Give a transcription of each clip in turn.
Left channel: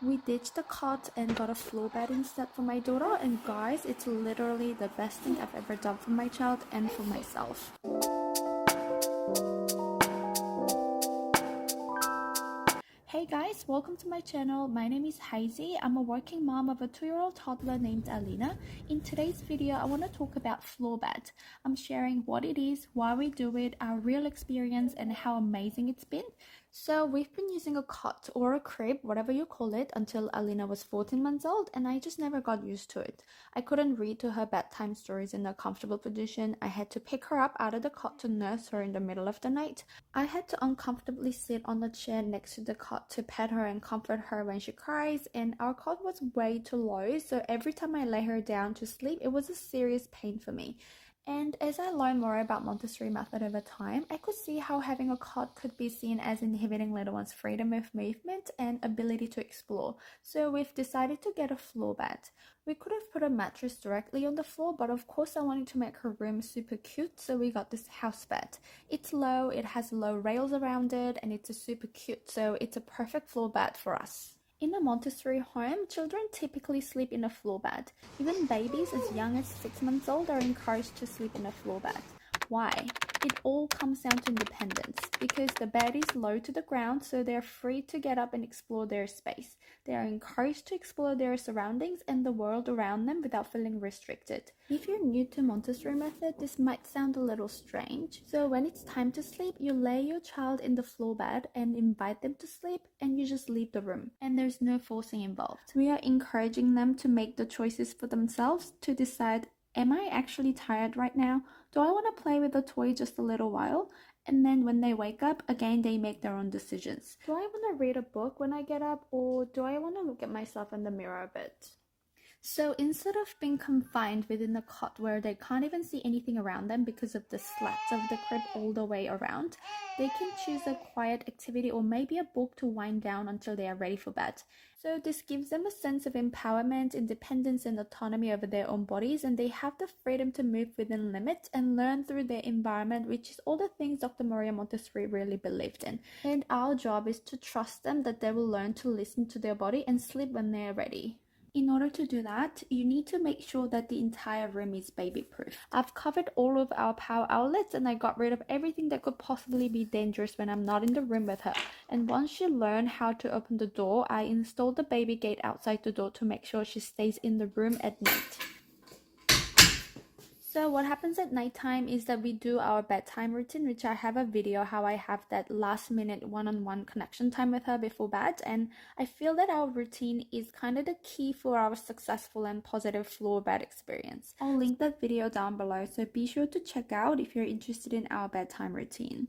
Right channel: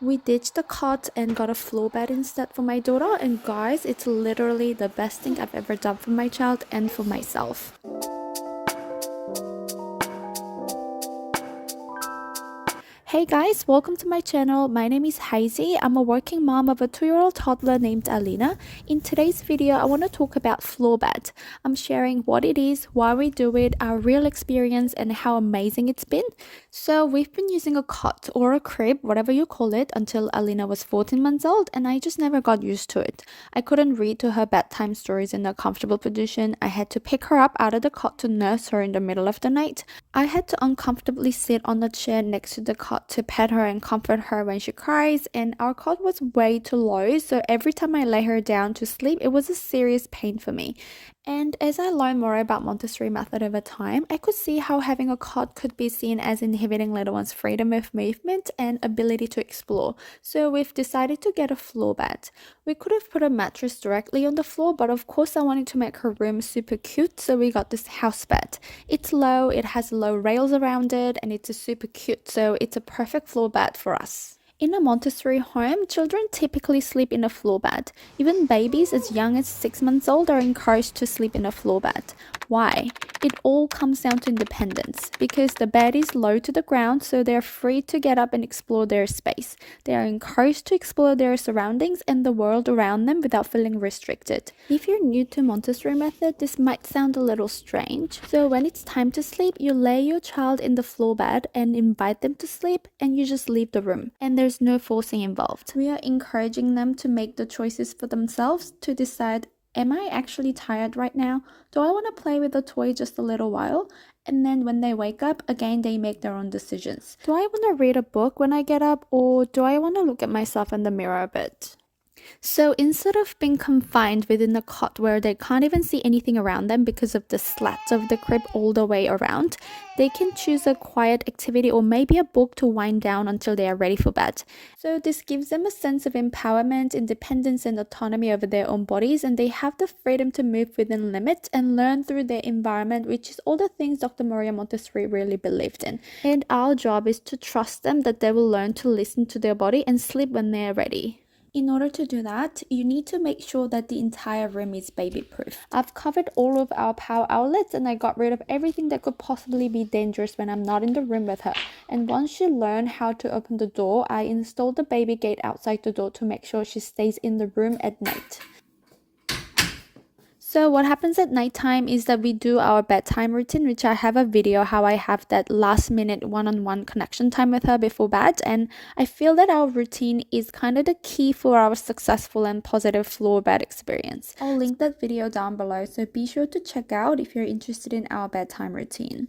We ditched the cot and got a floor bed instead for my daughter, and guys, it's literally the best thing I've ever done for my child and for myself. Hey guys, welcome to my channel. My name is Hazy. I'm a working mom of a 2-year-old toddler named Alina. In today's video, I want to talk about floor bed. I'm sharing what it is, why we do it, our real experience, and how amazing it's been. So we've been using a cot or a crib, whatever you call it, until Alina was 14 months old, and I just never got used to it. I couldn't read to her bedtime stories in a comfortable position. I had to pick her up out of the cot to nurse her in the middle of the night. I had to uncomfortably sit on the chair next to the cot to pet her and comfort her when she cries, and our cot was way too low, so every time I lay her down to sleep, it was a serious pain for me. And as I learned more about Montessori method over time, I could see how having a cot could be seen as inhibiting little one's freedom of movement and ability to explore. So we've decided to get a floor bed. We could have put a mattress directly on the floor, but of course I wanted to make her room super cute, so we got this house bed. It's low, it has low rails around it, and it's a super cute, so it's a perfect floor bed for us. In a Montessori home, children typically sleep in a floor bed. Even babies as young as 6 months old are encouraged to sleep in a floor bed. Why? It all comes down to independence because the bed is low to the ground, so they're free to get up and explore their space. They are encouraged to explore their surroundings and the world around them without feeling restricted. If you're new to Montessori method, this might sound a little strange. So when it's time to sleep, you lay your child in the floor bed and invite them to sleep, and you just leave the room. And there's no forcing involved. We are encouraging them to make the choices for themselves to decide, am I actually tired right now? Do I want to play with the toy just a little while? And then when they wake up, again, they make their own decisions. Do I want to read a book when I get up, or do I want to look at myself in the mirror a bit? So instead of being confined within a cot where they can't even see anything around them because of the slats of the crib all the way around, they can choose a quiet activity or maybe a book to wind down until they are ready for bed. So this gives them a sense of empowerment, independence, and autonomy over their own bodies, and they have the freedom to move within limits and learn through their environment, which is all the things Dr. Maria Montessori really believed in. And our job is to trust them that they will learn to listen to their body and sleep when they are ready. In order to do that, you need to make sure that the entire room is baby proof. I've covered all of our power outlets and I got rid of everything that could possibly be dangerous when I'm not in the room with her. And once she learned how to open the door, I installed the baby gate outside the door to make sure she stays in the room at night. So what happens at nighttime is that we do our bedtime routine, which I have a video how I have that last minute one-on-one connection time with her before bed, and I feel that our routine is kind of the key for our successful and positive floor bed experience. I'll link that video down below, so be sure to check out if you're interested in our bedtime routine.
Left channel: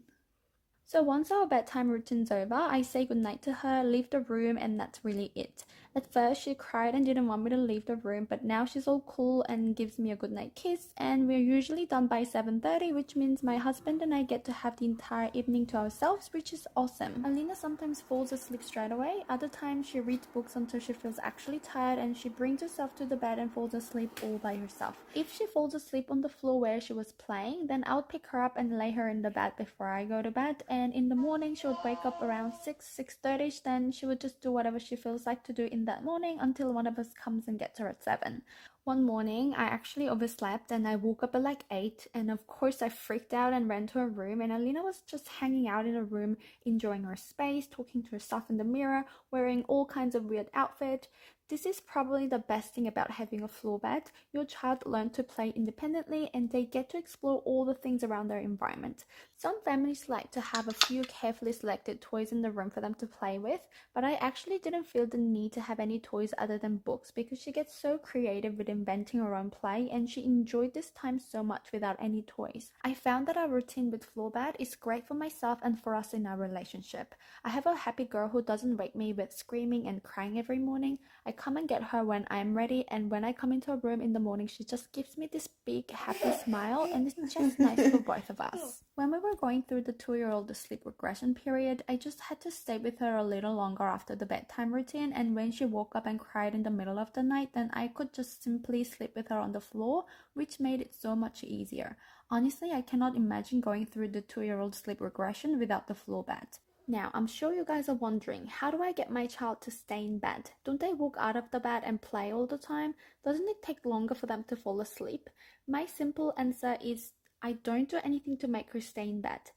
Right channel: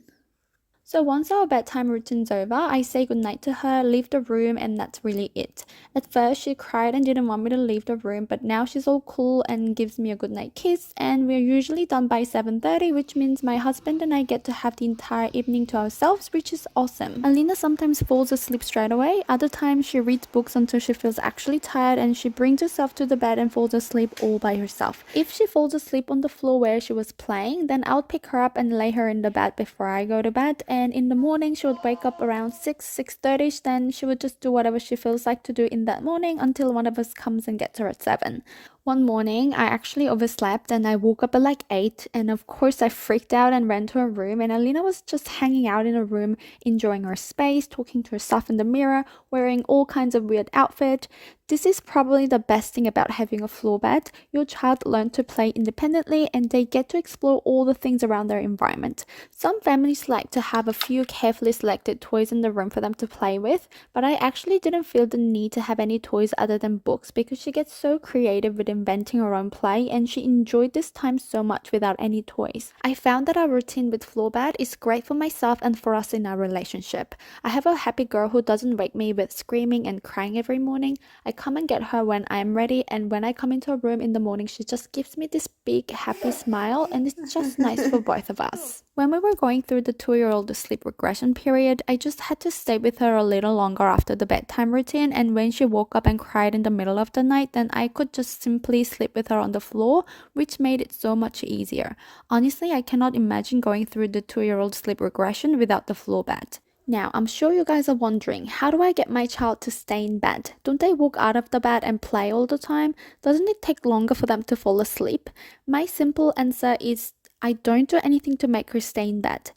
So once our bedtime routine's over, I say goodnight to her, leave the room, and that's really it. At first, she cried and didn't want me to leave the room, but now she's all cool and gives me a goodnight kiss, and we're usually done by 7:30, which means my husband and I get to have the entire evening to ourselves, which is awesome. Alina sometimes falls asleep straight away, other times she reads books until she feels actually tired and she brings herself to the bed and falls asleep all by herself. If she falls asleep on the floor where she was playing, then I'll pick her up and lay her in the bed before I go to bed, and in the morning she would wake up around 6:30, then she would just do whatever she feels like to do in that morning until one of us comes and gets her at 7. One morning, I actually overslept and I woke up at like 8, and of course I freaked out and ran to her room, and Alina was just hanging out in her room, enjoying her space, talking to herself in the mirror, wearing all kinds of weird outfits. This is probably the best thing about having a floor bed. Your child learns to play independently and they get to explore all the things around their environment. Some families like to have a few carefully selected toys in the room for them to play with, but I actually didn't feel the need to have any toys other than books because she gets so creative with inventing her own play and she enjoyed this time so much without any toys. I found that our routine with floor bed is great for myself and for us in our relationship. I have a happy girl who doesn't wake me with screaming and crying every morning. I come and get her when I'm ready, and when I come into her room in the morning, she just gives me this big happy smile, and it's just nice for both of us. When we were going through the 2-year-old sleep regression period, I just had to stay with her a little longer after the bedtime routine, and when she woke up and cried in the middle of the night, then I could just simply sleep with her on the floor, which made it so much easier. Honestly, I cannot imagine going through the 2-year-old sleep regression without the floor bed. Now, I'm sure you guys are wondering, how do I get my child to stay in bed? Don't they walk out of the bed and play all the time? Doesn't it take longer for them to fall asleep? My simple answer is I don't do anything to make her stay in bed.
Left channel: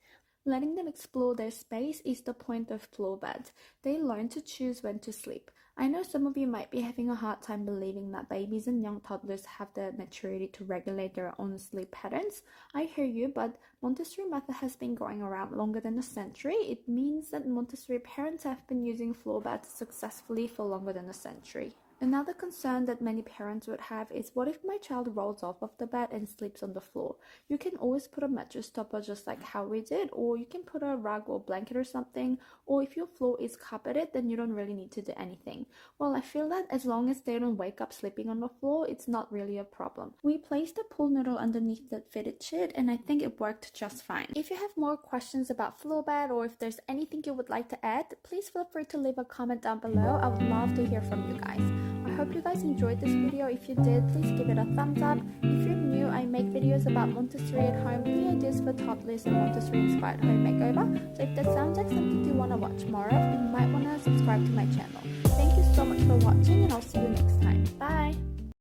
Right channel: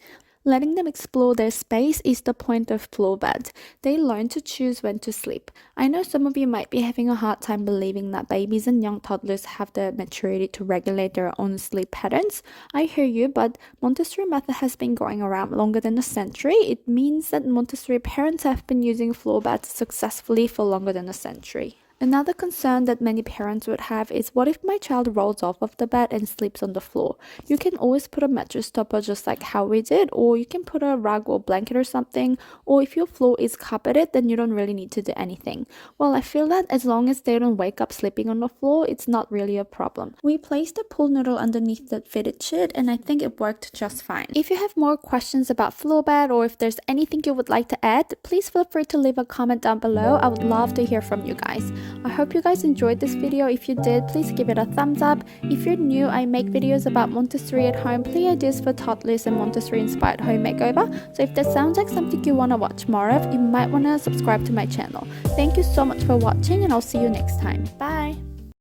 Letting them explore their space is the point of floor bed. They learn to choose when to sleep. I know some of you might be having a hard time believing that babies and young toddlers have the maturity to regulate their own sleep patterns. I hear you, but Montessori method has been going around longer than a century. It means that Montessori parents have been using floor beds successfully for longer than a century. Another concern that many parents would have is, what if my child rolls off of the bed and sleeps on the floor? You can always put a mattress topper just like how we did, or you can put a rug or blanket or something, or if your floor is carpeted, then you don't really need to do anything. Well, I feel that as long as they don't wake up sleeping on the floor, it's not really a problem. We placed a pool noodle underneath the fitted sheet and I think it worked just fine. If you have more questions about floor bed or if there's anything you would like to add, please feel free to leave a comment down below. I would love to hear from you guys. I hope you guys enjoyed this video. If you did, please give it a thumbs up. If you're new, I make videos about Montessori at home, play ideas for toddlers and Montessori inspired home makeover. So if that sounds like something you want to watch more of, you might want to subscribe to my channel. Thank you so much for watching and I'll see you next time. Bye!